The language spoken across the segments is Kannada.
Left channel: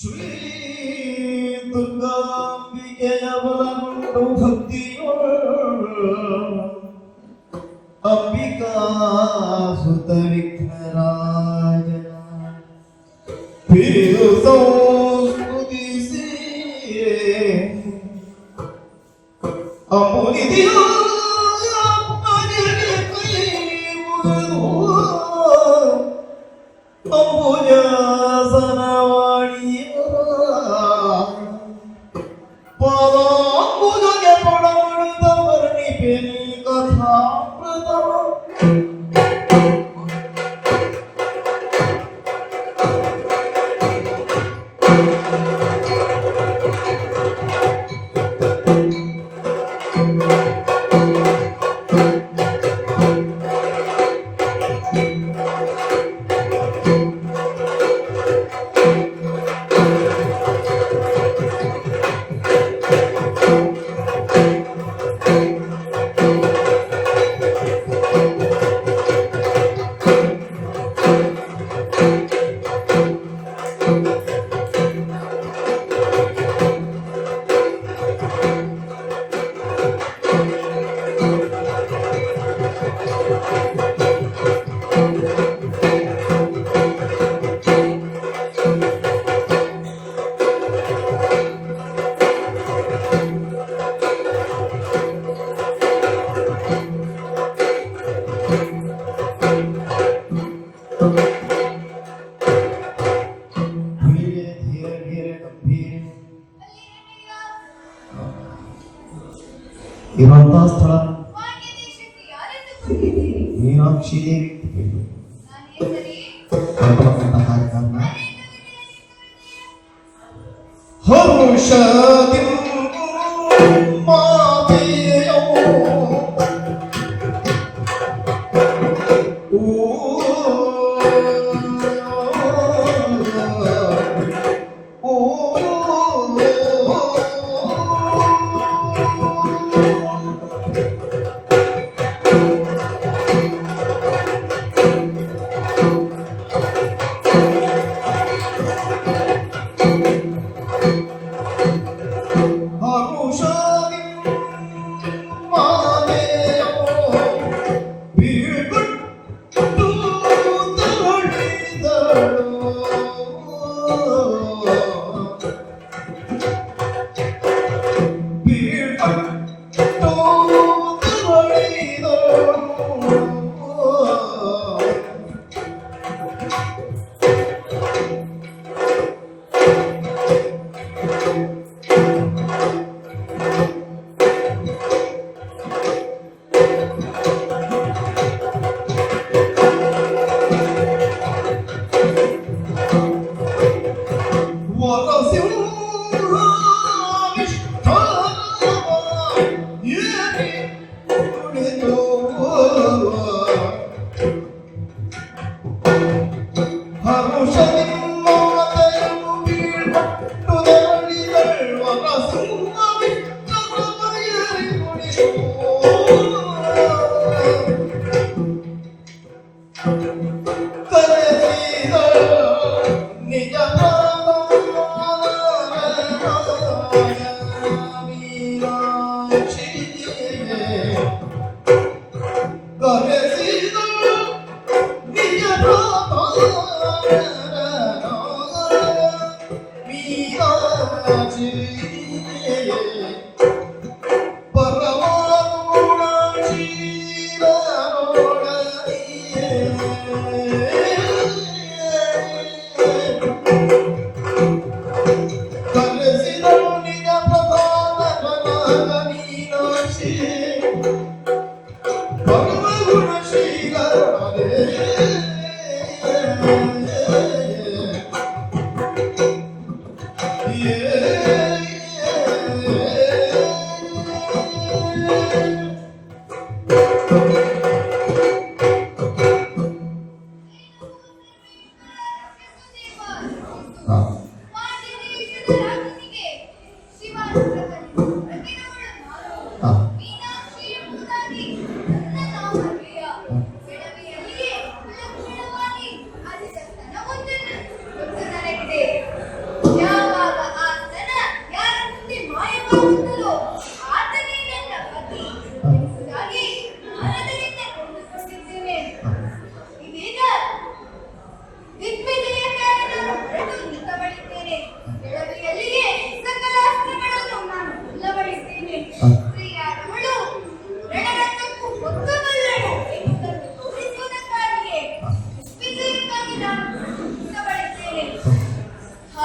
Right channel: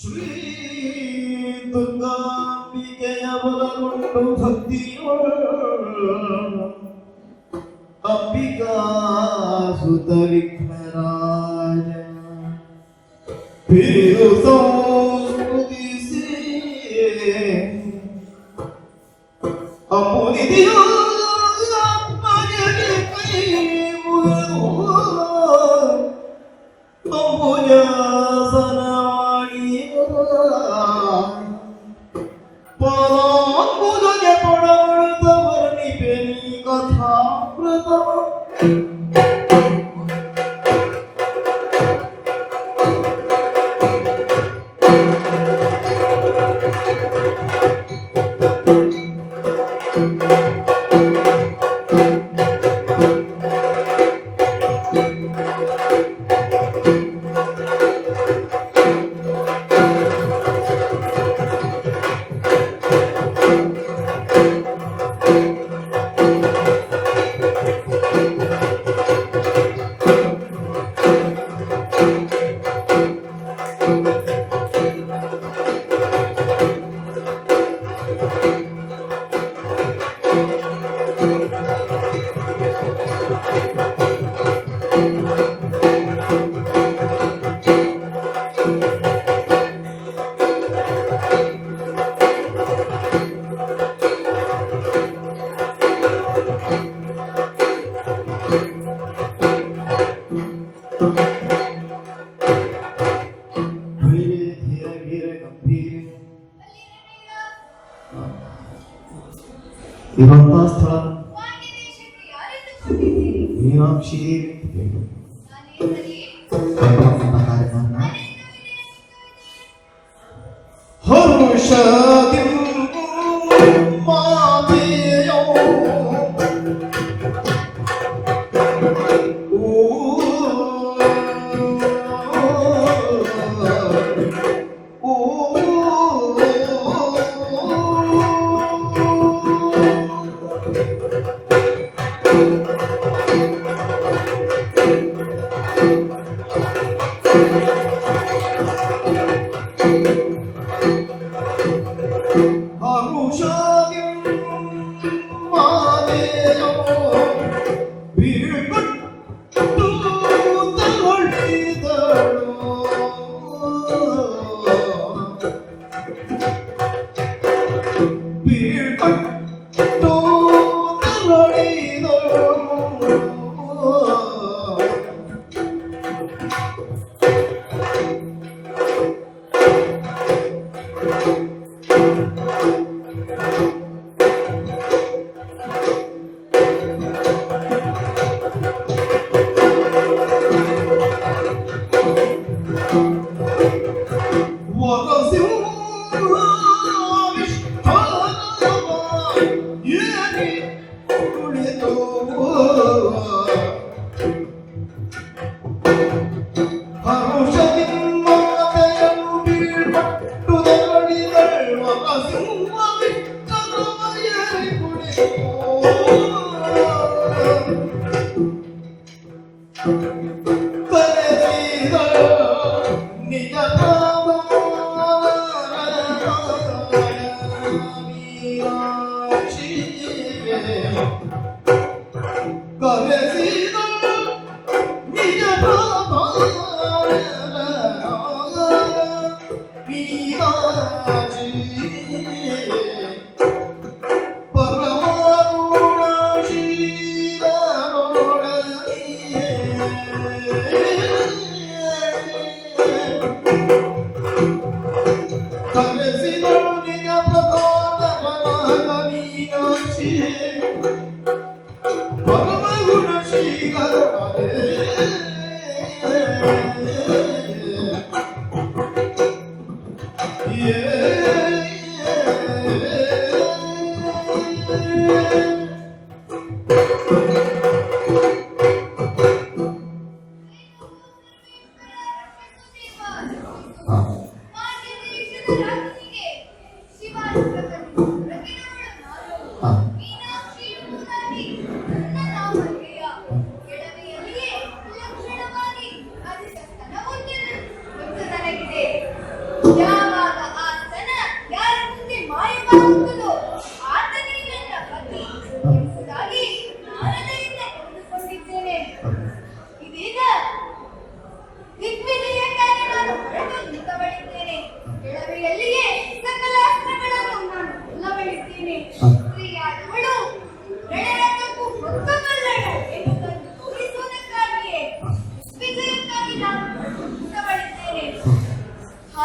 ಶ್ರೀ ದುರ್ಗಾಂಬಿಕೆಯ ಬಲನುಂಟು ಭಕ್ತಿಯೋಳ ಅಂಬಿಕಾ ಸುತ ವಿಘ್ನರಾಜ ಪೇರು ಸಂಸ್ಕೃತಿಸಿ ಅಮುನಿದಿಯೋ ಅಪ್ಪನಿಗೆ ಕೈ ಮುಗಿದು ಇರುವಂತಹ ಸ್ಥಳ ಮೀನಾಕ್ಷಿ ದೇವಿ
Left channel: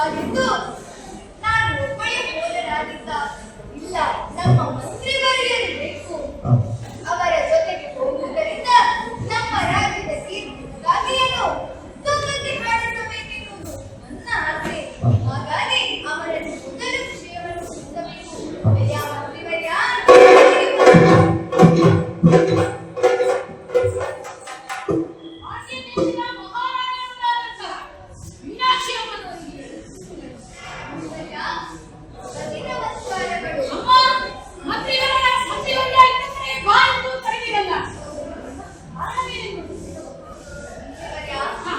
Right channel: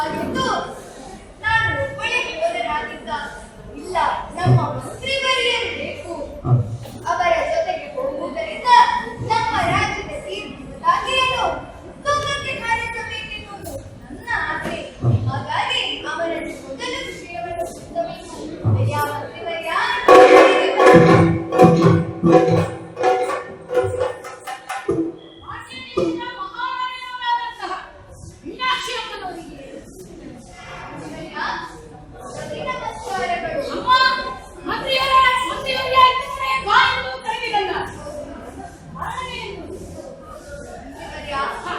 ಹಾಗೆಂದು ನಾನು ಒಬ್ಬಳೇ ಹೋದರಾಗಿದ್ದ. ಇಲ್ಲ, ನಮ್ಮ ಮಂತ್ರಿ ಬರೆಯಬೇಕು. ಅವರ ಜೊತೆಗೆ ಹೋಗುವುದರಿಂದ ನಮ್ಮ ರಾಜ್ಯದ ತೀರ್ಮಾನದಾಗಿಯೇನು ತುಕ್ಕಕ್ಕೆ ಹಾರಿಸಬೇಕೆನ್ನುವುದು ನನ್ನ ಆಸೆ. ಹಾಗಾಗಿ ಅವರನ್ನು ಮೊದಲ ವಿಷಯವನ್ನು ತಿಳಿಸಬೇಕು. ಯಾವ ಮಂತ್ರಿವರ್ಯ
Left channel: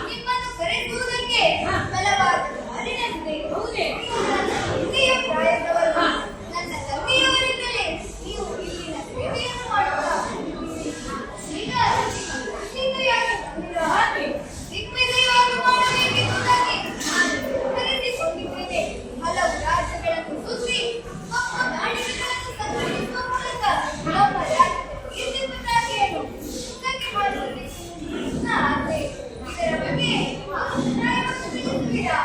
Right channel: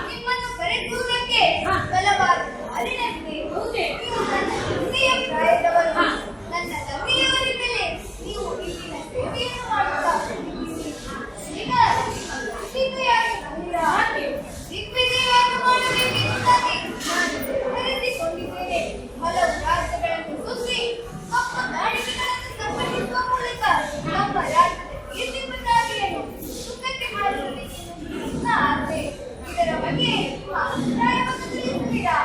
ನಿಮ್ಮನ್ನು ಕರೆಸುವುದಕ್ಕೆ ಬಲವಾದ ಕಾರಣವಿದೆ. ನೀವು ನನ್ನ ತಂದೆಯ ಪ್ರಾಯದವರು. ನನ್ನ ತಂದೆಯವರಿಂದಲೇ ನೀವು ಇಲ್ಲಿನ ಸೇವೆಯನ್ನು ಮಾಡುತ್ತಾ ಈಗ ಸೀತೆಯಾಗಿ ಬಂದಿರಾ? ದಿಗ್ವಿಜಯವನ್ನು ಮಾಡಬೇಕೆಂಬುದಾಗಿ ನಾನು ನಿರ್ಧರಿಸಿಕೊಂಡಿದ್ದೇನೆ. ಹಲವು ರಾಜ್ಯಗಳನ್ನು ಸುತ್ತಿ ಕಪ್ಪು ದಾಳಿಗಳನ್ನು ಸಂಘಟಿಸುವ ಮೂಲಕ ನಮ್ಮ ರಾಜ್ಯದ ಕೀರ್ತಿಪತಾಕೆಯನ್ನು ಸುಖಕ್ಕೆ ಹಾರಿಸಬೇಕು ನನ್ನ ಆಸೆ. ಇದರ ಬಗ್ಗೆ ನಿಮ್ಮ ಅಭಿಪ್ರಾಯವನ್ನು ತಿಳಿಸುತ್ತೀರಾ?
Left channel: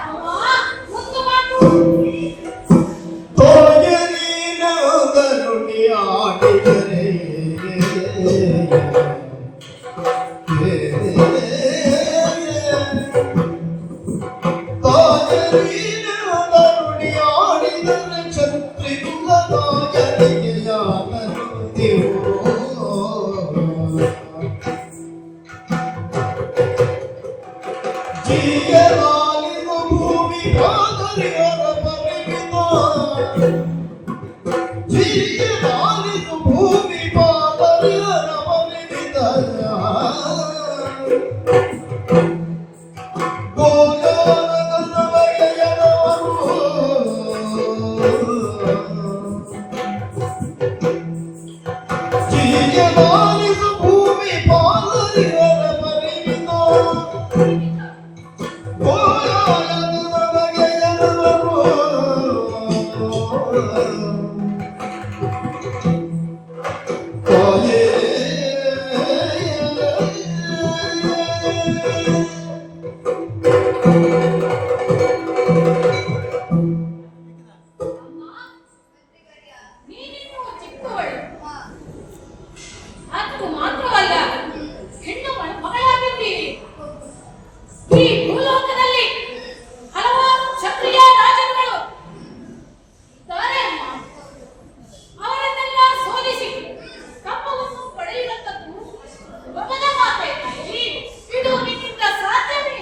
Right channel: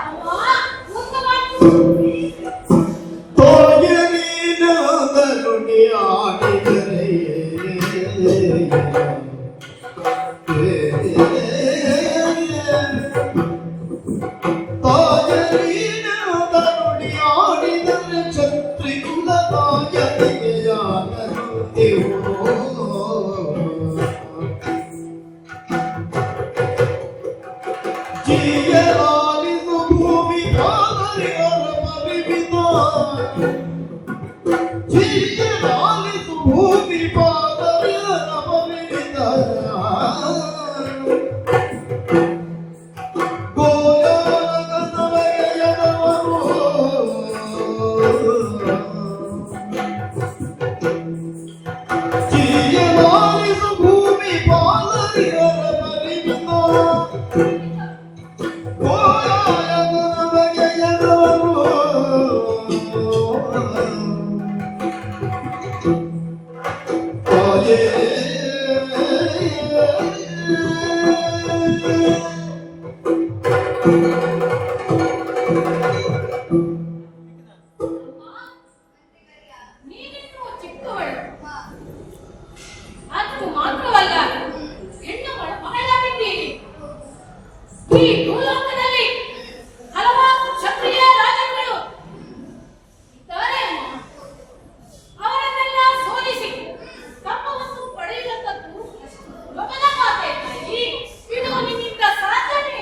ನೀನಿನ್ನೂ ಚಿಕ್ಕವಳು. ಅದು ಮಾತ್ರವಲ್ಲ, ಹೆಣ್ಣು ಮಗಳಾಗಿದ್ದೀರಿ. ಈ ಭೂಲೋಕದಲ್ಲಿ ಹಲವಾರು ಕ್ಷತ್ರಿಯ ರಾಜರುಗಳು ಇದ್ದಾರೆ ಅಮ್ಮ. ಅವರನ್ನೆಲ್ಲ ಸೋಲಿಸಿ ತಮ್ಮವನ್ನು ಪಡೆಯುವಂತದ್ದು ಸುಲಭದ ಮಾತೇ ತಾಯಿ. ಇದು ನಿನ್ನಿಂದ ಸಾಧ್ಯನೇ?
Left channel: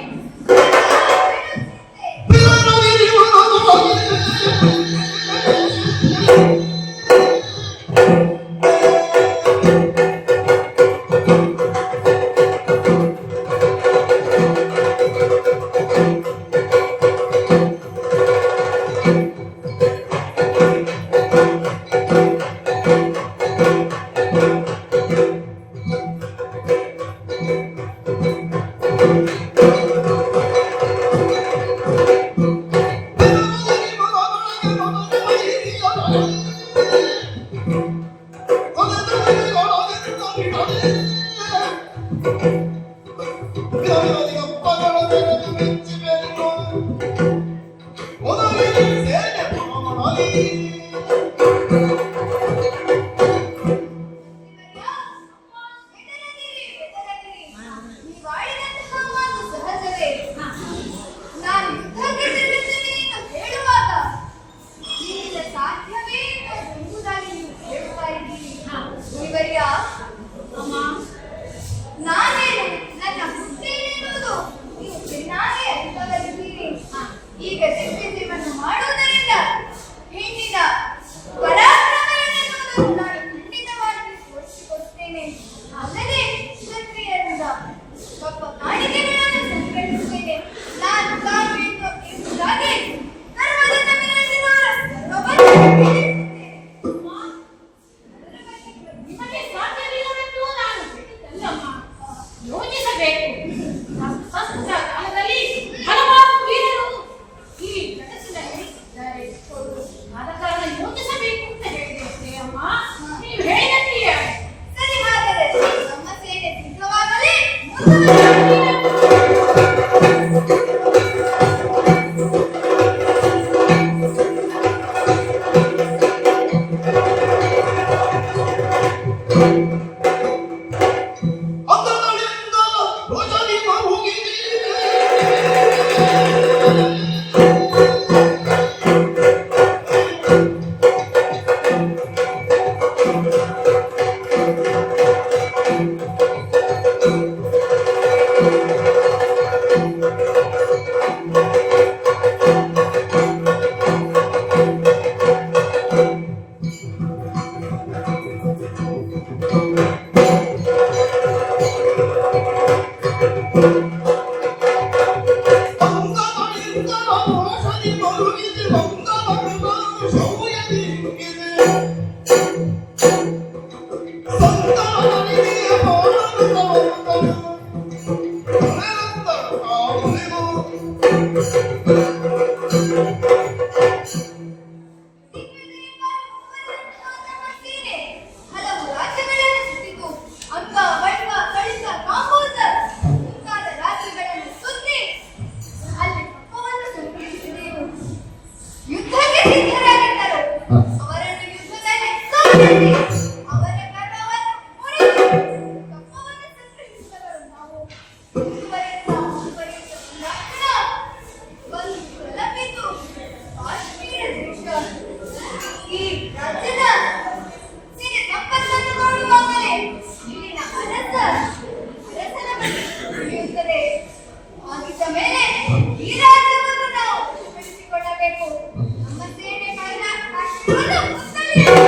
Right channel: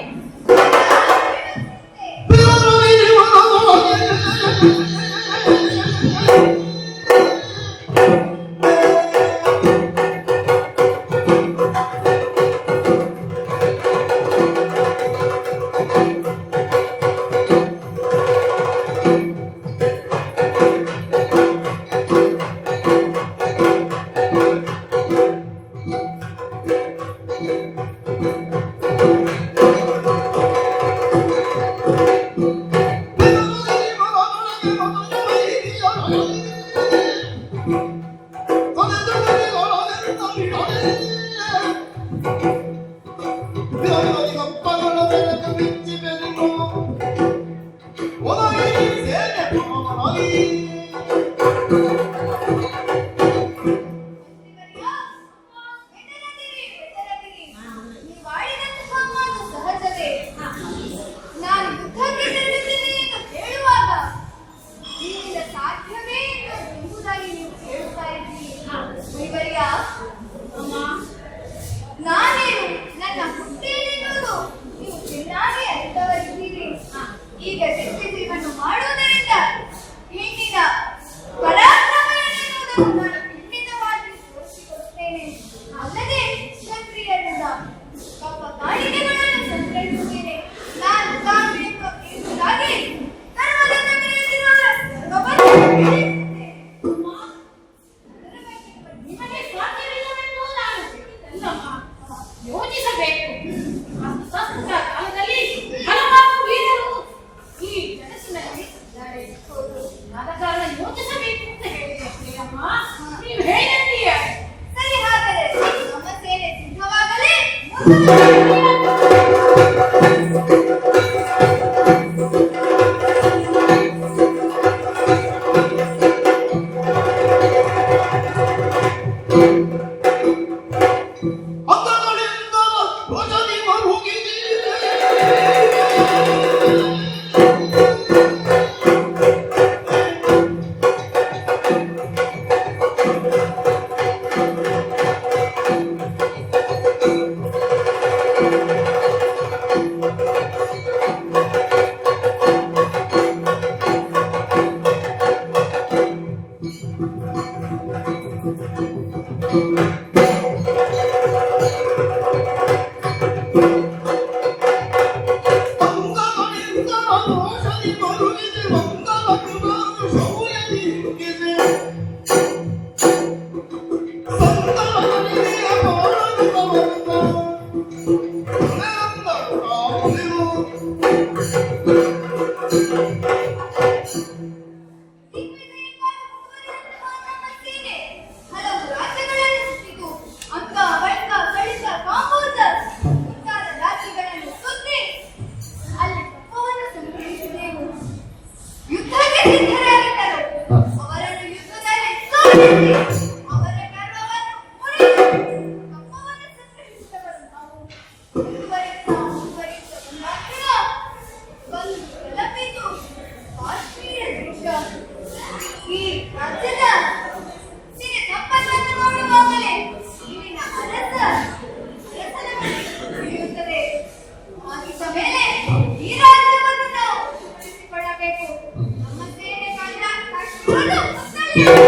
ಸೀರೆ ಹಲವು ರಾಜ್ಯಗಳನ್ನು ಸುತ್ತಿತು. ಅಂಕ ಬಳ್ಕ ಕಳಿಸ ಕಾಂಬೋಜರ್ ಮುಂತಾದ ರಾಜ್ಯಗಳನ್ನು ಸುತ್ತಿ ಅಲ್ಲಿ ಕಪ್ಪವನ್ನು ಸಂಗ್ರಹಿಸಿದೆವು. ಯುದ್ಧಕ್ಕೆ ಸಿದ್ಧರಾಗಿದ್ದರು. ಅವರನ್ನು ಯುದ್ಧದಲ್ಲಿ ಸೋಲಿಸಿ ಅವರ ಗರ್ವವನ್ನು ಮುರಿದು ಕಪ್ಪವನ್ನು ಸಂಗ್ರಹಿಸಿದವರು ನಾವು. ಮುಂದುವರೆದ ಒಂದಾಕ್ಷಣ ಬಂದು ತಲುಪಿತು ಕಾಶ್ಮೀರ ದೇಶ. ಈ ರಾಜ್ಯದ ಸಿರಿ ಸಂಪತ್ತನ್ನು ನೋಡುವಾಗಲೇ ಇಲ್ಲಿನ ಅರಸನ ಬಳಿ ಉಳಿಯುತ್ತದೆ. ಆಗಿದ್ದ ಮೇಲೆ ಈ ರಾಜ್ಯವನ್ನು ನಾವು ಬೆಳೆಸಿಕೊಳ್ಳಬೇಕು. ನಮ್ಮ ಸೇನೆ ಕಂಡ ಕಷ್ಟವನ್ನು ಮುತ್ತಲಿದೆ.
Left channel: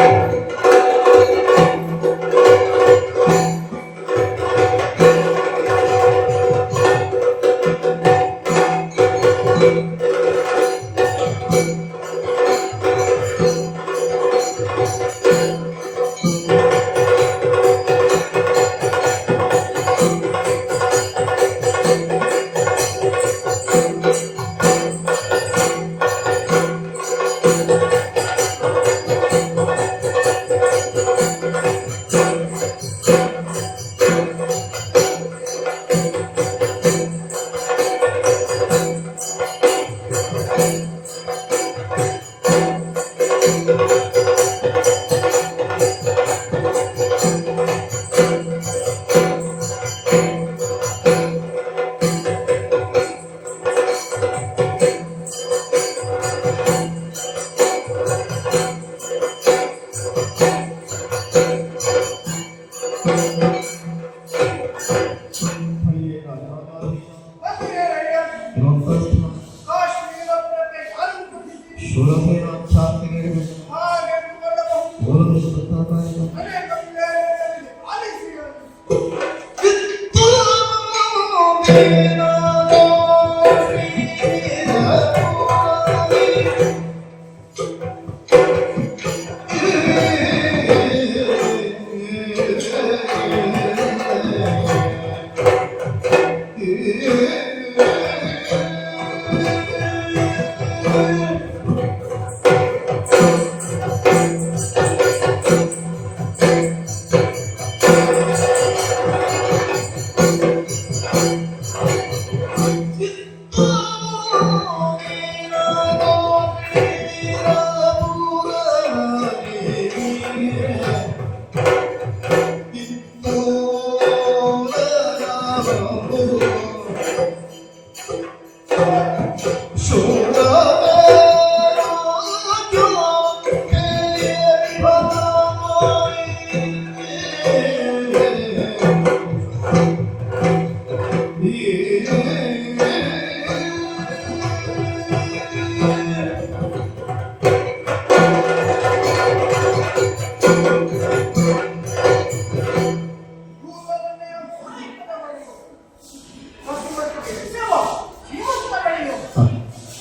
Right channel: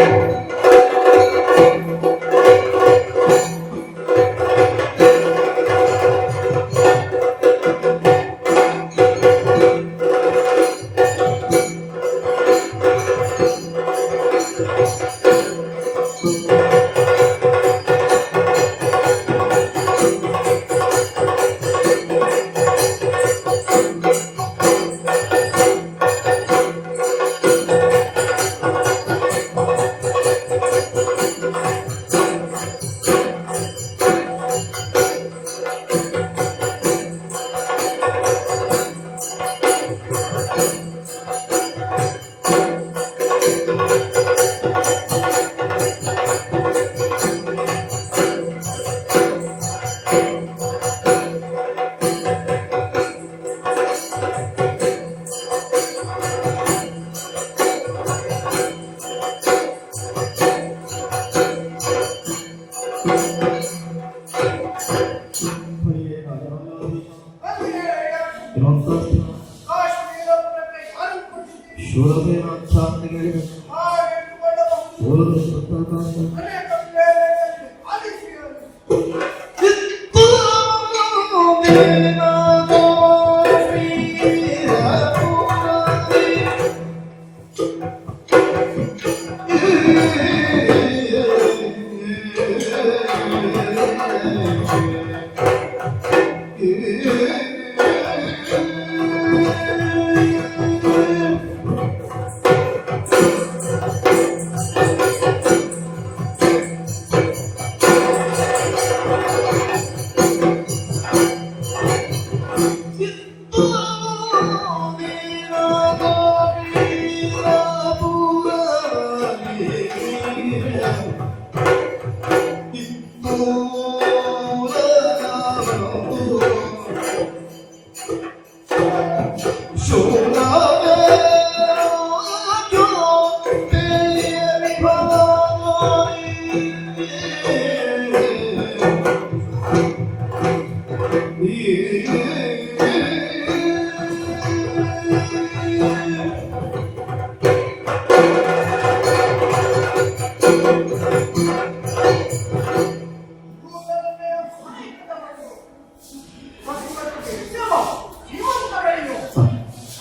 ಕಾಶ್ಮೀರ ಪ್ರಭೆ ಯಾರು ಕೊಟ್ಟಿದ್ದೀರಿ? ಶೂರಸೇನ ಛಾತ್ರಿಗಳಿಗೆ ಹಾಗೆ ಇಟ್ಟುಕೊಳ್ಳಬಹುದು. ಓದು ಸ್ವತಂತ್ರ ಅನೇಕ ವೇಳೆಗಳಲ್ಲಿ ಆಲಿಸಿರಲು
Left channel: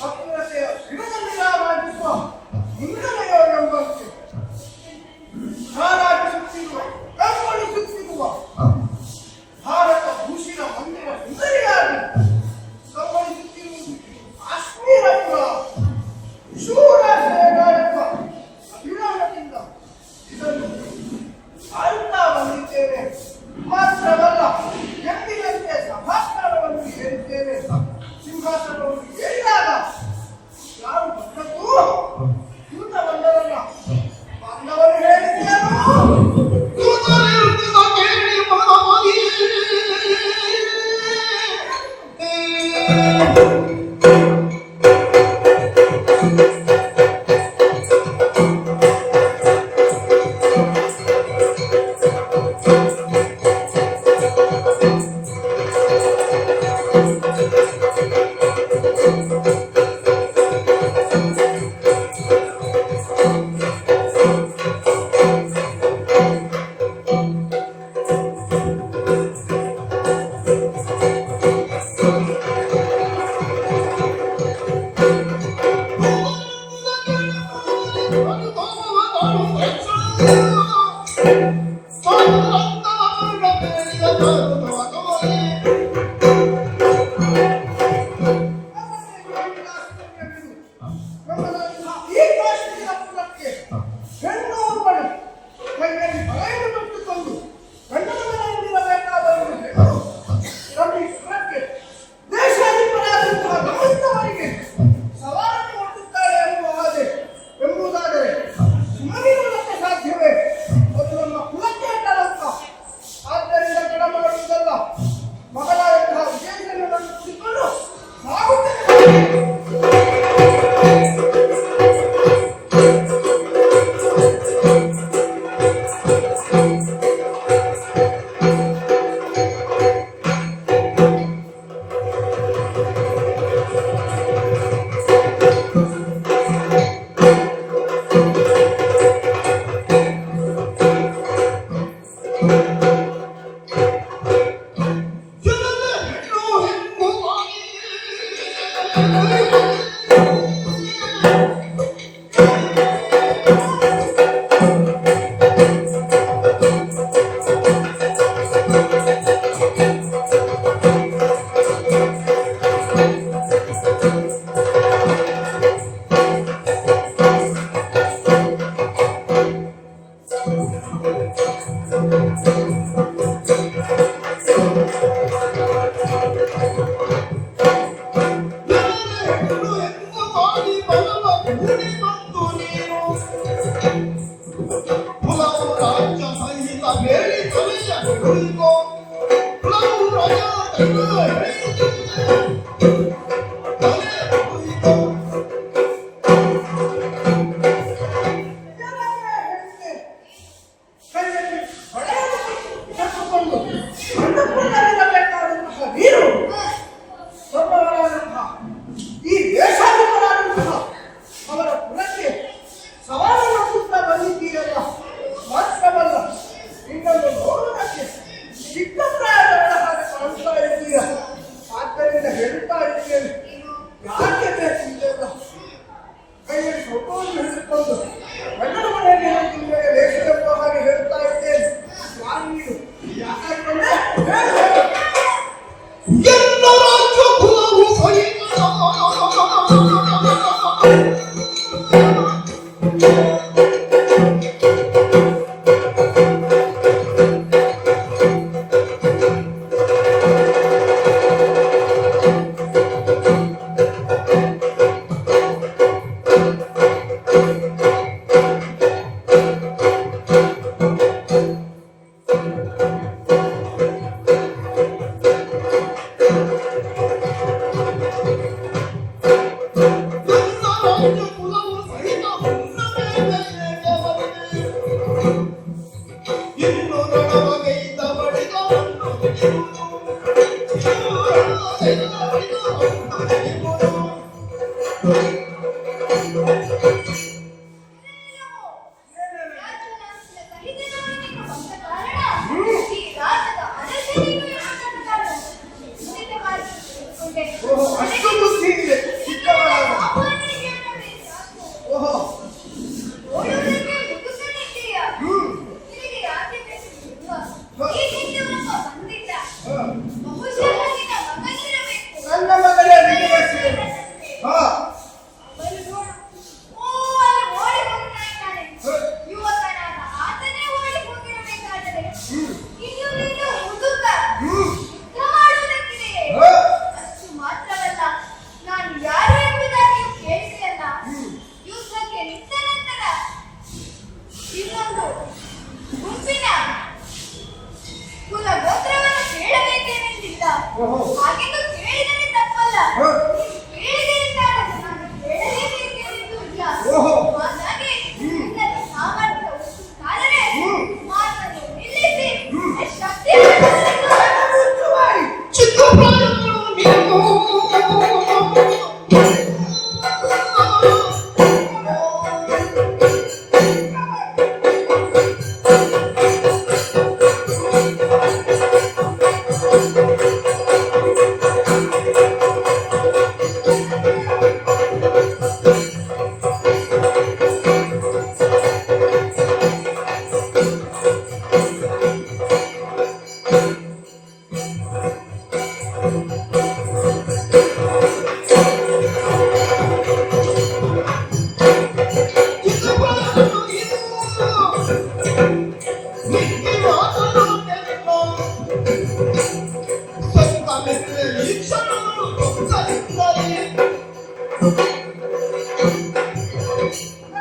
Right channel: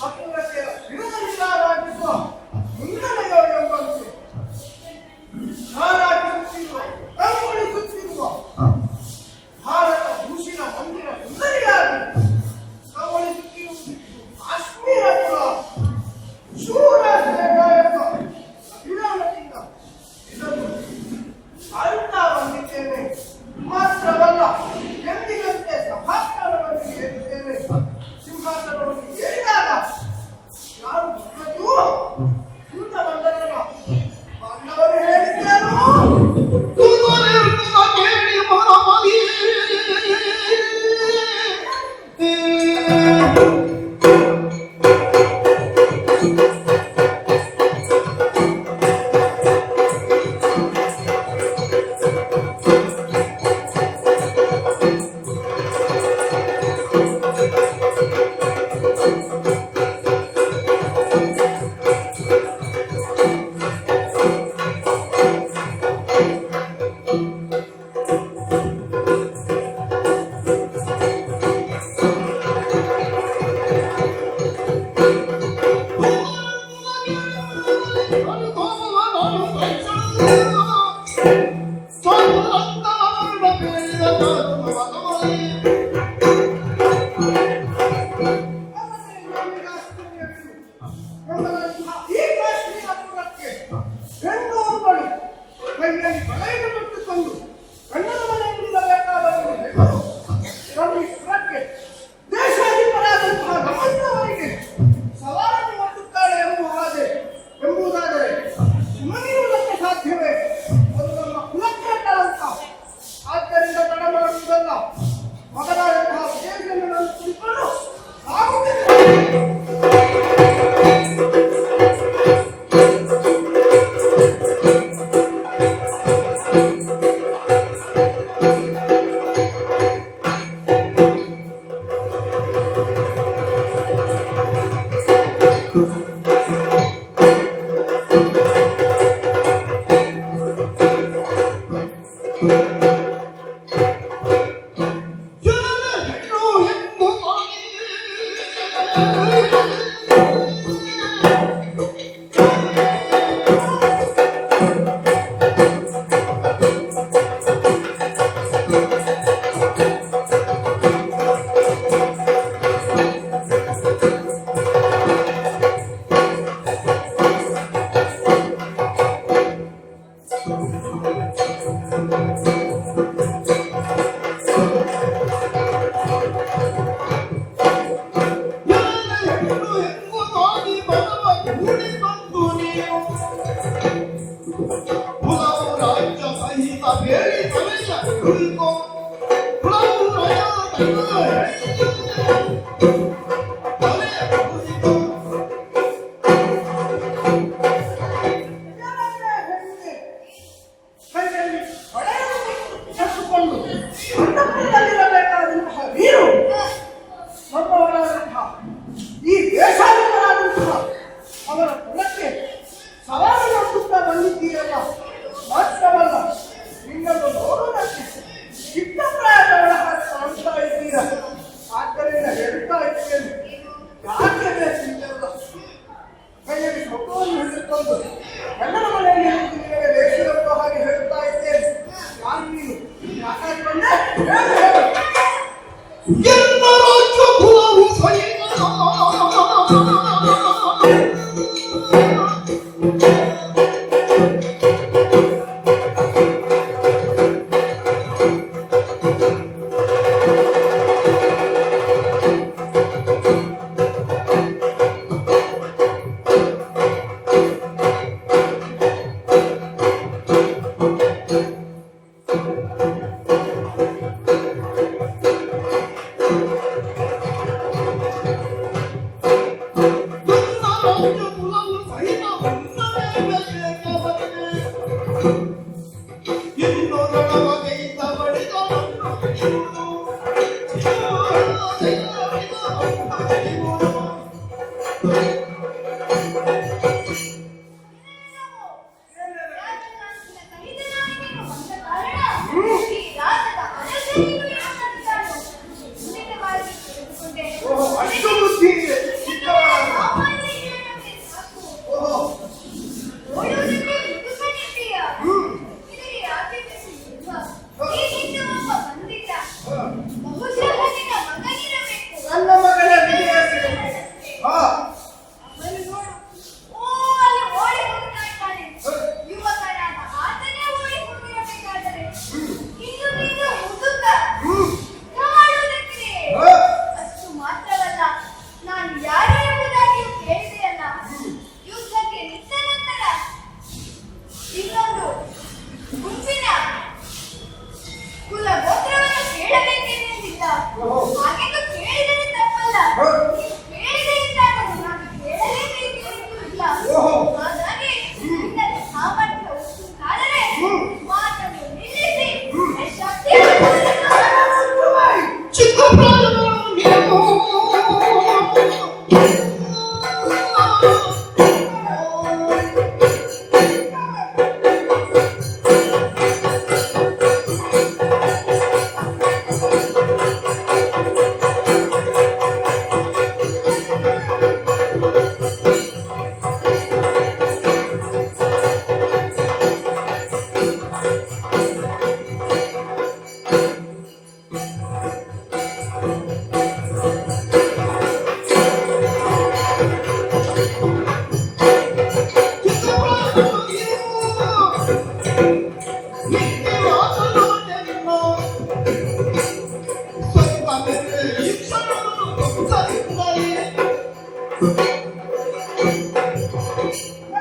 ಅಖಿಲತೆ ಈ ದೇಶಾಧಿಪರಾದಂತಹ ಅವರ ಕುಲಕ್ಕೆ ಸವಾಲು ಒಡ್ಡುತ್ತಾ ಬಂದಿದ್ದೀರಲ್ಲ, ಮಾತ್ರವಲ್ಲ ನಿನ್ನನ್ನು ನೋಡುವುದಕ್ಕೆ ಚಿಕ್ಕ ಪ್ರಾಯದವಳ ಹಾಗೆ ಕಾಣ್ತಾ ಇದ್ದೀರ. ಆದ್ದರಿಂದ ಹೇಳ್ತಾ ಇದ್ದೇನೆ, ಯಾಕೆ ಬೇಕು ಇದೆಲ್ಲ? ಕೈಯಲ್ಲಿ ಮಗುವನ್ನು ಹಿಡಿದುಕೊಂಡು ಗಂಡನ ಮನೆಯಲ್ಲಿ ಇರೋದು ನಿಮಗೆ ಲೇಖನಪ್ಪ ಹಾಗೆ ಹೇಳ್ತಾ ಇದ್ದೇನೆ. ನಾನು ನೀನು ಯಾಕಂದ್ರೆ ಎಲ್ಲ ರಾಜ್ಯ ಕುಲವು ಸಹಿತ ಅಷ್ಟು ಬುದ್ಧಿ ಇದೆ ಚಿಕ್ಕವರಾದ. ಓಹೋ ನನ್ನ ಮಗನ ವಿಜಯಶ್ರೀ. ಹಾ ಅಷ್ಟು ಮಾತ್ರವಲ್ಲ, ನಾನು ಯಾರು ಎಂಬುದಾಗಿಯೂ ಕೇಳಿದೆಯಲ್ಲ. ಯುದ್ಧಕ್ಕೆ ನಿಂತ ನಂತರ ಇನ್ನೊಂದು ಗುಂಪಿನ ಕುಲ ಗೋತ್ರವನ್ನು ಕೇಳಬೇಕೇನೆಂದಿಲ್ಲ. ಹಾಗೆಂದು ಕೇಳಿದರೆ ತಪ್ಪಲ್ಲ. ನೀವು ಕೇಳಿದೆ ಎಂದಾದರೂ ನಾನು ಕೇಳಲೇಬೇಕೆಂದು ಇಲ್ಲ. ಹಾಗಾಗಿ ನಿನ್ನಲ್ಲಿ ಸಾಮರ್ಥ್ಯ ಉಂಟಾದರೆ ಮಾತನ್ನು ನಿಲ್ಲಿಸಿ ಶಕ್ತಿಯನ್ನು ಚಿಕ್ಕ ಪ್ರಾಯದವಳನ್ನು ನೀವು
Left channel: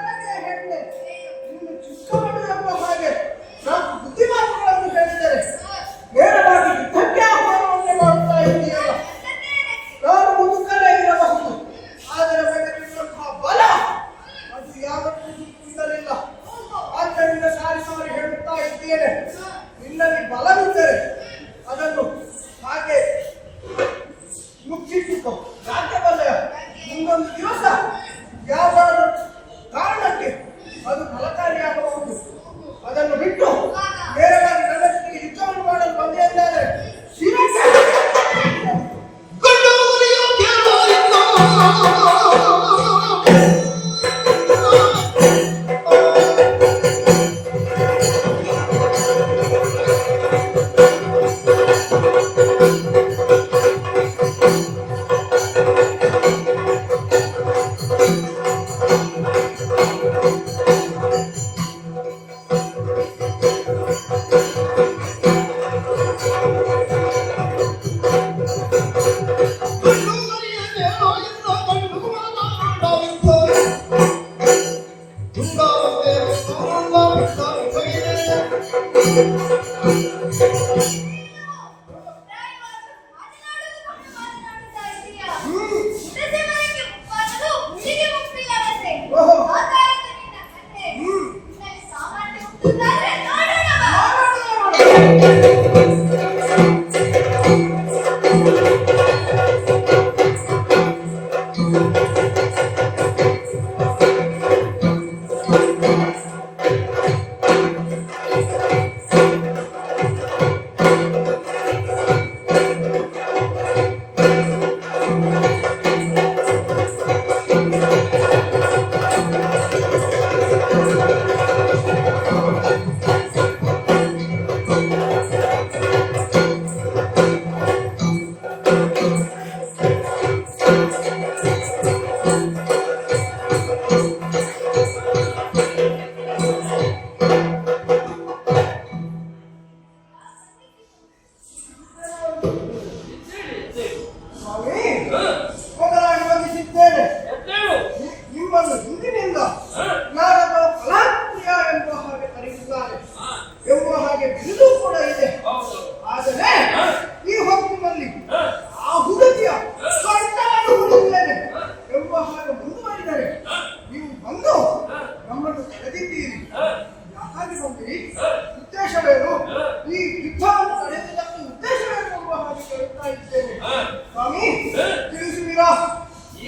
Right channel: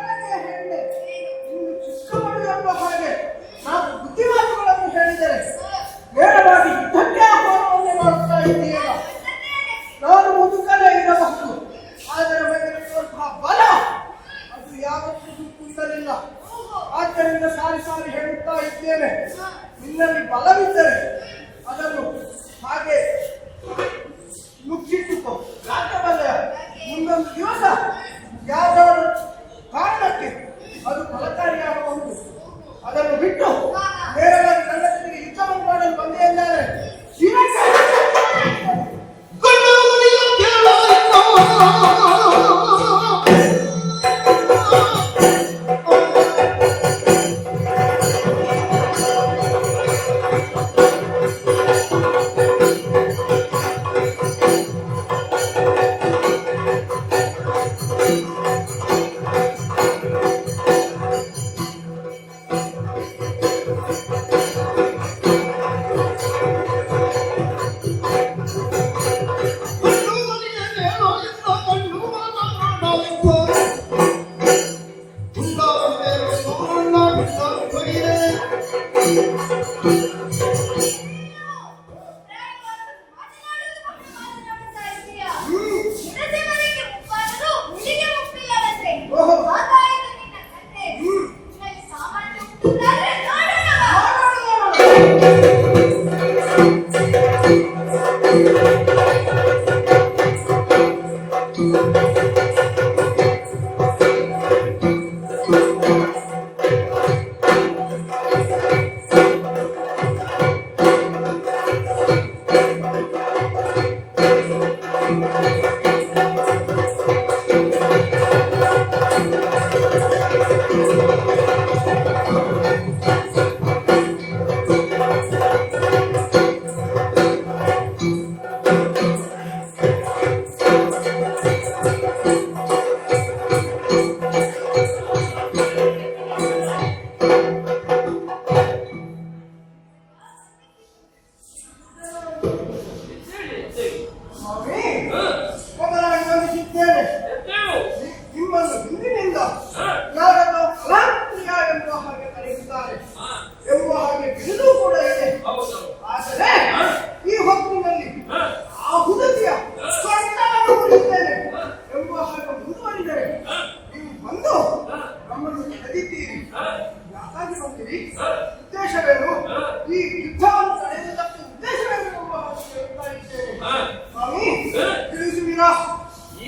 ನನಗೆ ಹೆಣ್ಣೆ, ನೀನು ಚಿಕ್ಕವಳು ಎಂಬ ಹಾಗೆ ನಾವು ಬುದ್ಧಿಮಾತುಗಳನ್ನು ಹೇಳಿದರೆ ನೇರವಾಗಿ ಯುದ್ಧಕ್ಕೆ ಆಹ್ವಾನವನ್ನು ಮಾಡ್ತಾ ಇದ್ದೀಯಲ್ಲ. ನಾನು ಮುದುಕನೇ ಇರಬಹುದು, ಆದರೆ ನನಗಿರುವಂತಹ ಬಲ ಅದು ಯಾವತ್ತೂ ಕುಂದಲಿಲ್ಲ. ಆದ್ದರಿಂದ ಸಾರಿ ಸಾರಿ ಹೇಳುತ್ತಾ ಇದ್ದೇನೆ, ನಿನ್ನಲ್ಲಿ ಬಲವಿದ್ದರೆ ಅದನ್ನು ಹಾಗೆ ಮುಚ್ಚಿಟ್ಟುಕೋ. ಯಾಕೆ ಬಲ್ಲ? ಮುಂದೊಂದು ದಿವಸ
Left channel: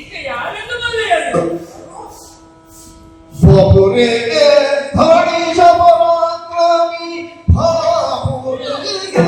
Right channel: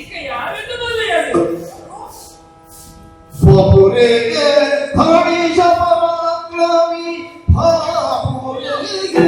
ಈಗ ಯಾರೆಂದು ಬಲ್ಲೆಯದು? ಬಾಪುರಿಗೆ ಧಣಿಷ ಪರಾಕ್ರಮಿ ಬಾಪುರಿಗೆ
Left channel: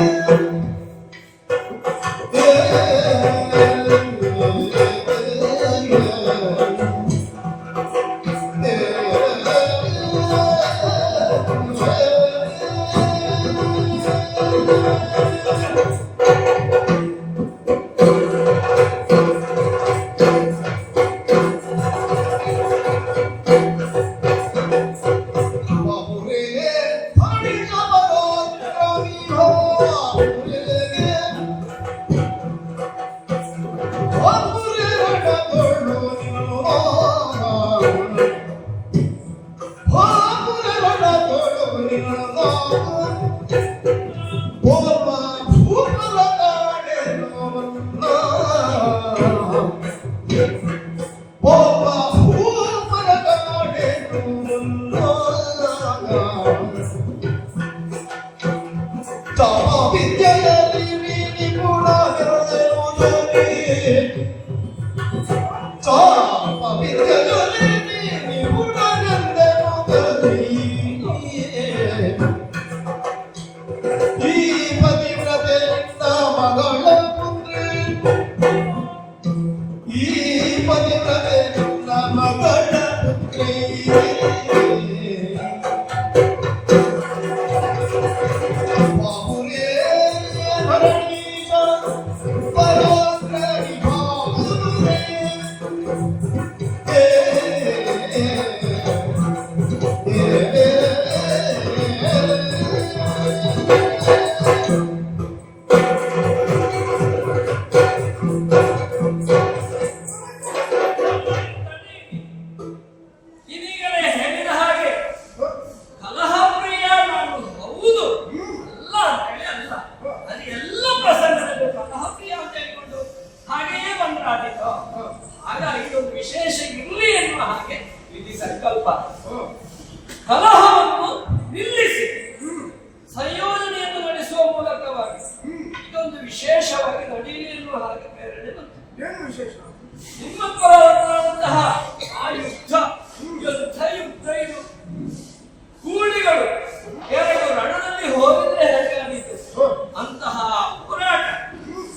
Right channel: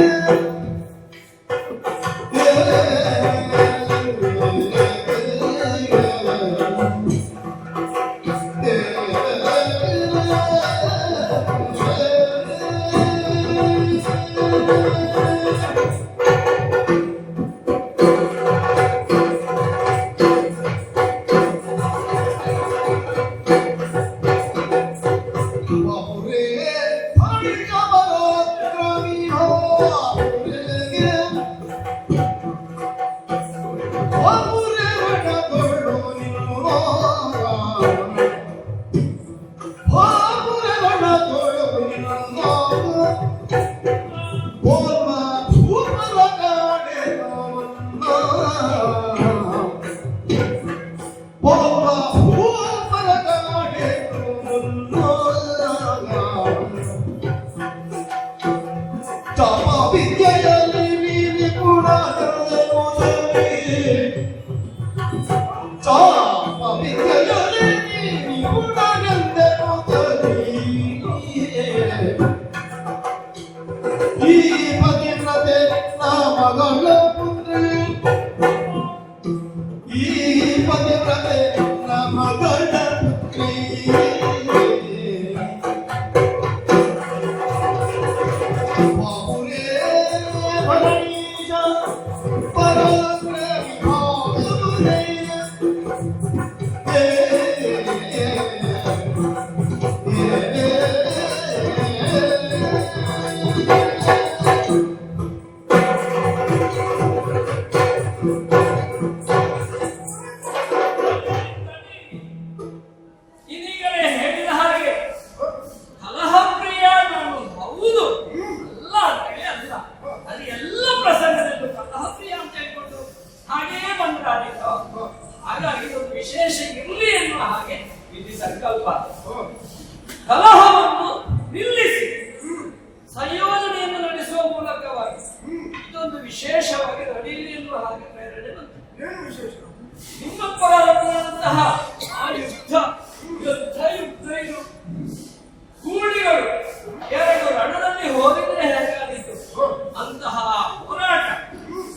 ಇದೀಗಲೇ ಹೇಳಿದ ಹಾಗೆ ಕಲಹಪ್ರಿಯ ನಾನು ಹೌದು ಅಲ್ಲ ಅಂತೇಳಿ ಅಲ್ಲ, ಅದು ಎಲ್ಲ ಪ್ರಸಂಗದಲ್ಲೂ ಕಲಹಪ್ರಿಯ ಅಂತ ಹೇಳ್ಕೊಂಡು ಹಾಗೆಯೇ ಬಂದ್ರಾದಿತ್ತು. ಹಾಗಾಗಿ ಇದೊಂದು ವಿಶೇಷ ಇರಲಿ ಎನ್ನುವ ಹಾಗೆ ವಿಧಿ ಸಂಕಲ್ಪ. ಕಲಹವನ್ನು ನಿಲ್ಲಿಸಿ ಸಂಯೋಜನೆಯನ್ನು ನಡೆಸುವ ಮೂಲಕವಾಗಿ ಇದೊಂದು ವಿಶೇಷವಾಗಿ ನಡೆಯಲಿ ಎನ್ನುವ ಹಾಗೆ ಪ್ರೇರಣೆ ಬಂತು. ಏನು ವಿಶೇಷ? ನಿಮ್ಮ ಪರವಾದಂತಹ ಆ ಯುದ್ಧ ಇದು ಕೂಲಿಗಳು ಎರಡು ರಣದಲ್ಲಿ ಹೋಗಿದ್ರೆ ಹೇಗಾಗಿತ್ತು ಅಂತಹ ಹೋರಾಟ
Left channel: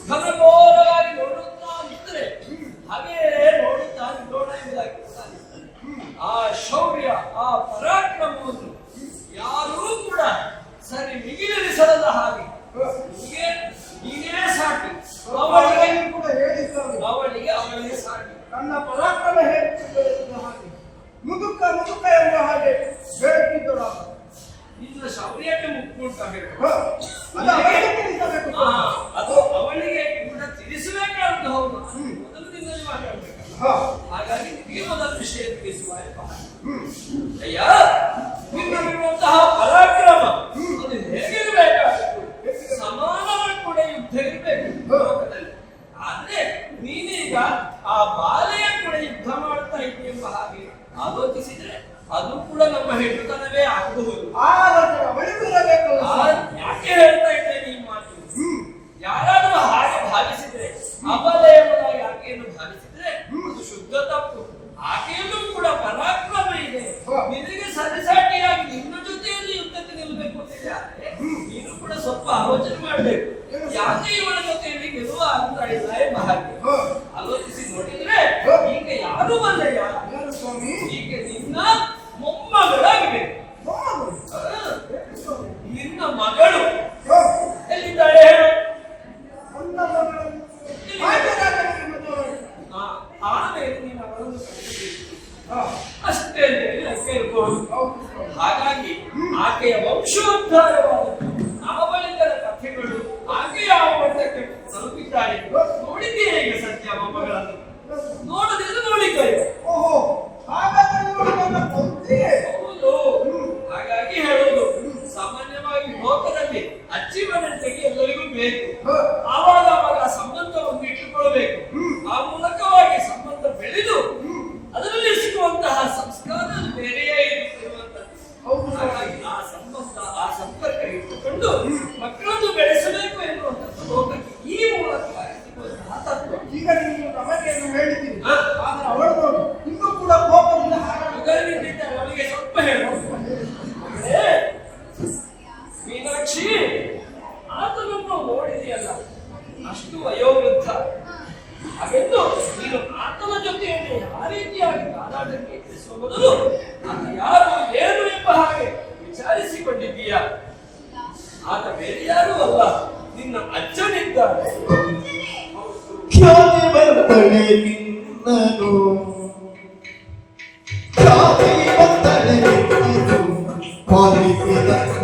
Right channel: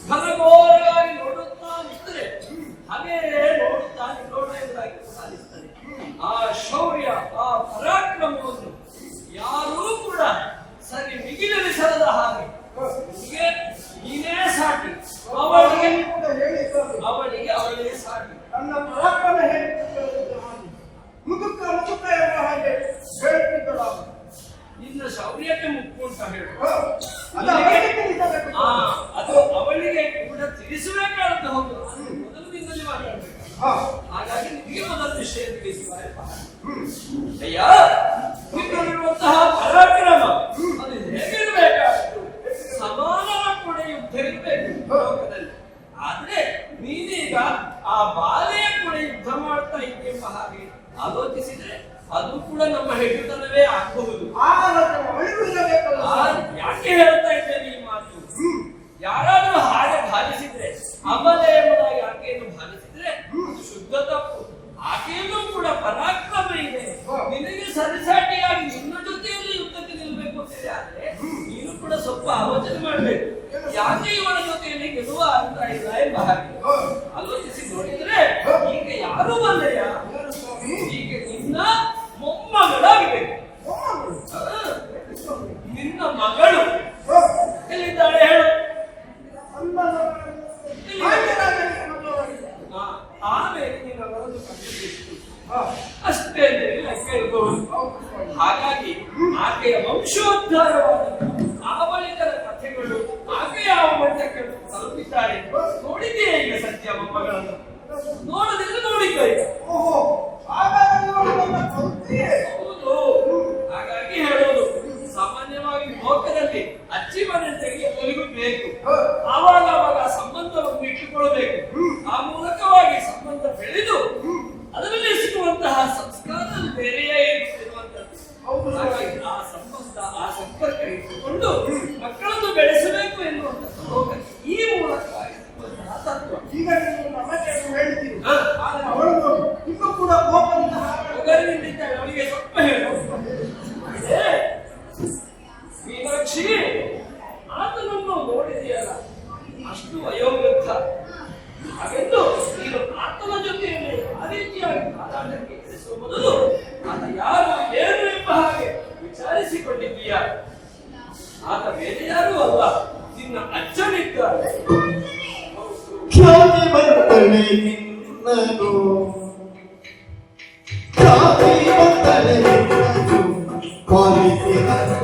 ಘನಘೋರವಾಗಿ ನೋಡುತ್ತಾ ನಿಂತರೆ ಹಾಗೇ ನೋಡುತ್ತಾ ನಿಲ್ಲೋಣ ಎಂಬುದಾಗಿ ಸಾಧಿಸ್ತದೆ. ಆ ಶೌರ್ಯ ಆ ಪರಾಕ್ರಮವನ್ನು ಯಾರೂ ಕೂಡ ಸರಿ ಮಿಗಿಲಿಸದ ಹಾಗೆ ಹೀಗೆ ನೀನೇ ಸಾಟಿ, ಅವಳಿಗೆ ಕೂಡ ಹೇಳಿದ್ದಾರೆ. ಅವಳಿಗೆ ಸಾಟಿ. ನನ್ನ ಪರಾಕ್ರಮ ಹೇಳುತ್ತಿದ್ದ ಹಾಗೆ ಮುದುಕ ಎಂಬ ಹಾಗೆ ಹೇಳುತ್ತಿದ್ದಳು. ನಿನ್ನ ಶೌರ್ಯಕ್ಕೆ ಮುಕ್ಕು ಅಂತ ಹೇಳು. ಅದು ಅವಳಿಗೆ ತಿಳಿಸಬೇಕು. ಅದು ಅವಳಿಗೆ ಕೂಡ ತಿಳಿಸಬೇಕಾದಂತ ಹೌದು. ಮೊದಲು ನಿನ್ನಲ್ಲಿ ಮಾತಾಡ್ಬೇಕು. ಹಾಗಾಗಿ ನಿಮಗೆ ಮೊದಲ ವಿಷಯ ತಿಳಿಸುವ ಅಯ್ಯ, ನಿನ್ನಲ್ಲಿರುವಂತಹ ಪರಾಕ್ರಮ ಅದು ಹೇಗಿರಬೇಕಾಗಿತ್ತು? ಸಮಾನವ ಕೂಡ ಯುದ್ಧ ಇರಬೇಕು ಲೋಕದಲ್ಲಿ. ಆದ್ರೆ ನೀನೀಗ ಆ ಬಾಲೆಯ ಕೂಡ ಯುದ್ಧ ಮಾಡ್ತಾ ಇದೆಯೆಂಬ ಹಾಗೆ ಆಲೋಚಿಸಿದ್ರೆ ಅದು ಕೂಡ ನಮ್ಮ ಹೆಣ್ಣುತನವೇ ಆಗಬಹುದು. ಯಾಕೆ ಹೇಳ್ತಾ ಇದ್ದೇನೆ ಈ ಮಾತು? ಯಾರಾದ್ರೂ ಹಾಗೆ ಭಾವಿಸಿದ್ರೆ, ಅಬಲೆ ಎಂಬುದಾಗಿ ಆಕೆಯನ್ನು ಭಾವಿಸಿದ್ರೆ ಅದು ಶುದ್ಧ ತಪ್ಪು. ಆಕೆಯಲ್ಲೂ ಕೂಡ ಪರಾಕ್ರಮ ಇದೆ. ನಿನಗೆ ಸರಿಸಾಟಿಯಾಗಿ ನಿನ್ನ ಜೊತೆಯಲ್ಲಿ ಯುದ್ಧಕ್ಕೆ ನಿಲ್ಲಬೇಕು ಅಂತಿದೆ. ಆದ್ರೆ ನೀನು ಕೂಡ ಸ್ವಲ್ಪ ಆಲೋಚನೆ ಮಾಡ್ಬೇಕು. ಯಾಕೆ ಇವಳ ಜೊತೆಯಲ್ಲಿ ಗೆಲ್ಲುವ ಅಂತ ಇಲ್ಲ ಎಂಬ ಹಾಗೆ ಆಲೋಚಿಸಿ ನೋಡಿದ್ರೆ ಈಗ ಯಾರು ಬಲ್ಲೆಯ? ಈಗ ನಿನ್ನ ಮೊಮ್ಮಗಳಾಗಬೇಕು. ನಿನ್ನ ಮಗಳು ಎಲ್ಲಿದ್ದಾಳೆ ಹೇಳು? ಆಮೇಲೆ ನೀನು ಅವರನ್ನು ಕಂಡುಹಿಡಿಯಬೇಕು. ಅಷ್ಟೇ ಲೆಕ್ಕ ಇರಬಹುದು. ಹಾಗಾಗಿ ಆಕೆಯ ವಂಶೋದ್ಧಾರವಾದ ಆ ಬಳಿಕದ ಕಥೆಗಳು ಆಕೆ ಯಾವ ಮಟ್ಟಕ್ಕೆ ತಲುಪಿದ್ದಾರೆ ನೋಡಿದ್ದೀಯೇ ಈಗ ಸತ್ಯ ಮೊಮ್ಮಗಳನ್ನು? ನೋಡದಿದ್ರೆ ನೋಡಿಕೊಳ್ಳಿ. ಹೌದು. ಹಾಗಾಗಿ ಹೇಳೋದು ಸಾಮಾನ್ಯವಾಗಿ ಲೋಕದಲ್ಲಿ ಅಚ್ಚಿ ಮನೆಗೆ ಎಲ್ಲರಿಗೂ ಬೇಕು. ಆವಾಗ ಸಂಬಂಧವನ್ನು ಇಟ್ಟುಕೊಳ್ಬೇಕು. ಆ ಮೂಲಕವಾಗಿ ಸಂಬಂಧ ಬೆಳೆದು ಅದರಲ್ಲಿ ಸಿಗುವಂತಹ ಸಂಸ್ಕಾರ ಬೇರೆಯೇ ಇರುವಂತದ್ದು. ಹಾಗಾಗಿ ಆ ಸಂಬಂಧ ಆ ಸಂಪರ್ಕ ಕಾದಾಟಕ್ಕೆ ಇಳಿಸುವ ಮೊದಲು ಆತ ಯಾರು ಏನು ಎಂಬ ಹಾಗೆ ವಿಚಾರಿಸಿಕೊಂಡಿದ್ದೀಯಾ? ಆತ ಬೇರೆ ಯಾರೂ ಅಲ್ಲ, ನಿನ್ನ ಅಜ್ಜನಿದ್ದಾನೆ. ಖ್ಯಾತಿ ಬರ್ತಳೆ ನಿನ್ನನು, ಖ್ಯಾತಿ ಬರ್ತಳೆ ನಿನ್ನನು ಪಾಲಿಸಿದಂತ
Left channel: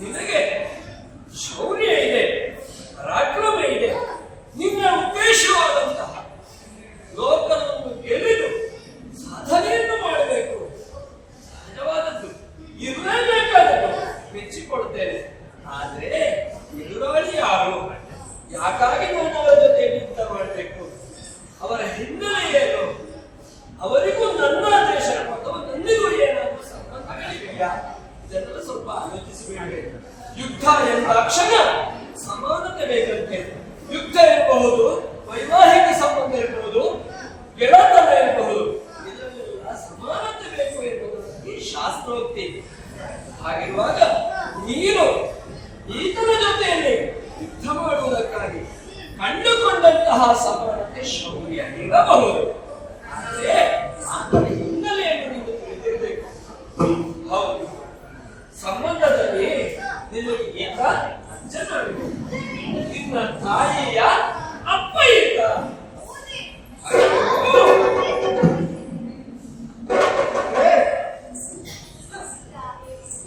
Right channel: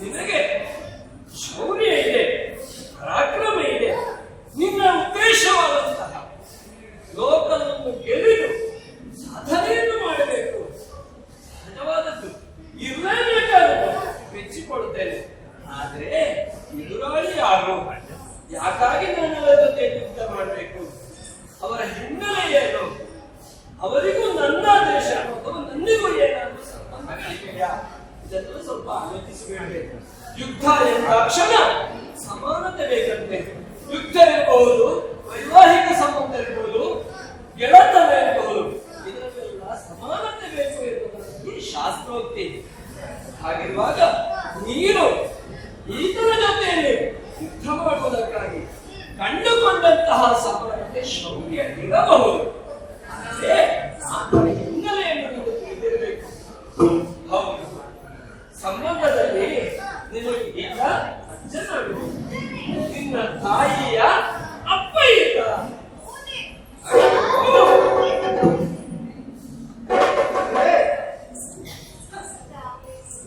ನಿನಗೆ ಶೌರ್ಯ ಇದೆ, ಪರಾಕ್ರಮ ಇದೆ. ನಿನ್ನ ಉದ್ದೇಶವಾದಂತಹ ಲೋಕವನ್ನು ಗೆಲ್ಲಿದು ಸಾಧನೆಯನ್ನು ಮಾಡಬೇಕು, ಸಹಜವಾದದ್ದು, ಇರಲೇಬೇಕಾದದ್ದು, ಮೆಚ್ಚಿಕೊಡುತ್ತೇನೆ. ಆದ್ರೆ ಎದುರಾಳಿ ಯಾರು, ಯಾಕಾಗಿ ನನ್ನವರ ಜೊತೆ ಯುದ್ಧ ಮಾಡಬೇಕು, ಅವರ ಹಿನ್ನೆಲೆ ಏನು, ಅವರಿಗೂ ನನ್ನ ದೇಶ ಅಥವಾ ನನ್ನಿಗೂ ಏನಾದರೂ ಸಂಬಂಧಗಳಿವೆಯಾ, ಇದೆಲ್ಲ ಸ್ವಲ್ಪ ಆಲೋಚಿಸಬೇಕು. ಯುದ್ಧ ಎಂದಾಕ್ಷಣ ಸಮಾನತೆ ಬೇಕಂತೆ. ಯುದ್ಧ ಇರಬಹುದು, ವೈವಾಹಿಕ ಸಂಬಂಧ ಇರಬಹುದು, ಗೆಳತನ ಇರಬಹುದು, ಇದರಲ್ಲೆಲ್ಲ ಸಮಾನತೆ ಬೇಕು ಎನ್ನುವುದಕ್ಕೆ ಶಾಸ್ತ್ರೋಕ್ತಿ. ಹಾಗಿರುವಾಗ ನೀನು ಈತನ ಜೊತೆಯಲ್ಲಿ ಯುದ್ಧ ಮಾಡುವುದಕ್ಕಾಗಿ ಕಂಡುಕೊಂಡಂತಹ ಸಮಾನತೆ ಶೌರ್ಯ ಇರಬಹುದು. ಆದರೆ ಆತನ ಹಿನ್ನೆಲೆಯನ್ನು ನೀನು ತಿಳಿದಿರಬೇಕು. ಹೌದು, ಸಂಬಂಧದಲ್ಲಿ ನಿನಗೆ ಈತ ಅಜ್ಜನರು, ನಿನ್ನ ತಾಯಿಯ ಅಪ್ಪ ಈತ.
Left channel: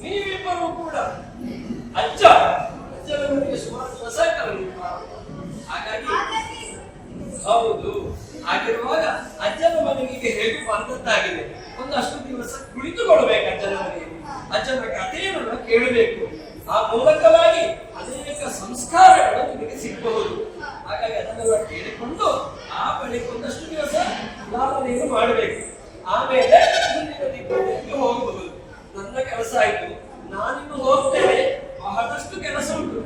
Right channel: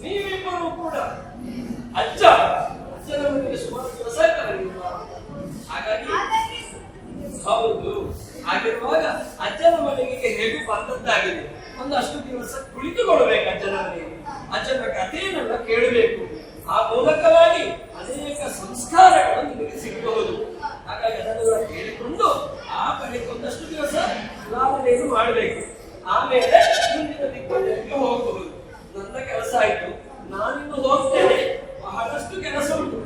ನೀವಿಬ್ಬರು ಕೂಡ ಅಜ್ಜನ ಮನೆಗೆ ಸುಮಾರು ದಿವಸ ಆಯ್ತಲ್ಲ. ಹಾಗಾಗಿ ಹೌದು, ಹಾಗಿರುವಾಗ ಅಜ್ಜನ ಮನೆಗೆ ಹೇಗೂ ಬಂದದ್ದಾಗಿದೆ. ಒಂದಷ್ಟು ದಿವಸ ಕುಳಿತುಕೊಳ್ಬೇಕು ಅಜ್ಜನ ಮನೆಯಲ್ಲಿ, ಅಜ್ಜನ ಕಥೆಯನ್ನೆಲ್ಲ ಕೇಳಬೇಕು. ಆ ಮೂಲಕವಾಗಿ ಅನೇಕ ಸಂಸ್ಕಾರಗಳು ನಿನಗೆ ಸಿಗಬಹುದು. ಹಾಗಾಗಿ ಅದನ್ನೆಲ್ಲ ಕೇಳಿಕೊಂಡು ಆ ಬಳಿಕ ಒಂದಷ್ಟು ದಿವಸ ಲಾಭನೆಯನ್ನು ಮಾಡಬೇಕು. ಆಮೇಲೆ ಮುಂದಿನ ದಿಕ್ಕುಗಳಿಗೆ ಹೋಗಬಹುದು. ನನ್ನ ಕೆಲಸ ಆಯ್ತು, ನಾನಿನ್ನು ಹೋಗ್ತೇನೆ, ಬಹಳಷ್ಟು ಕೆಲಸ ಉಂಟು.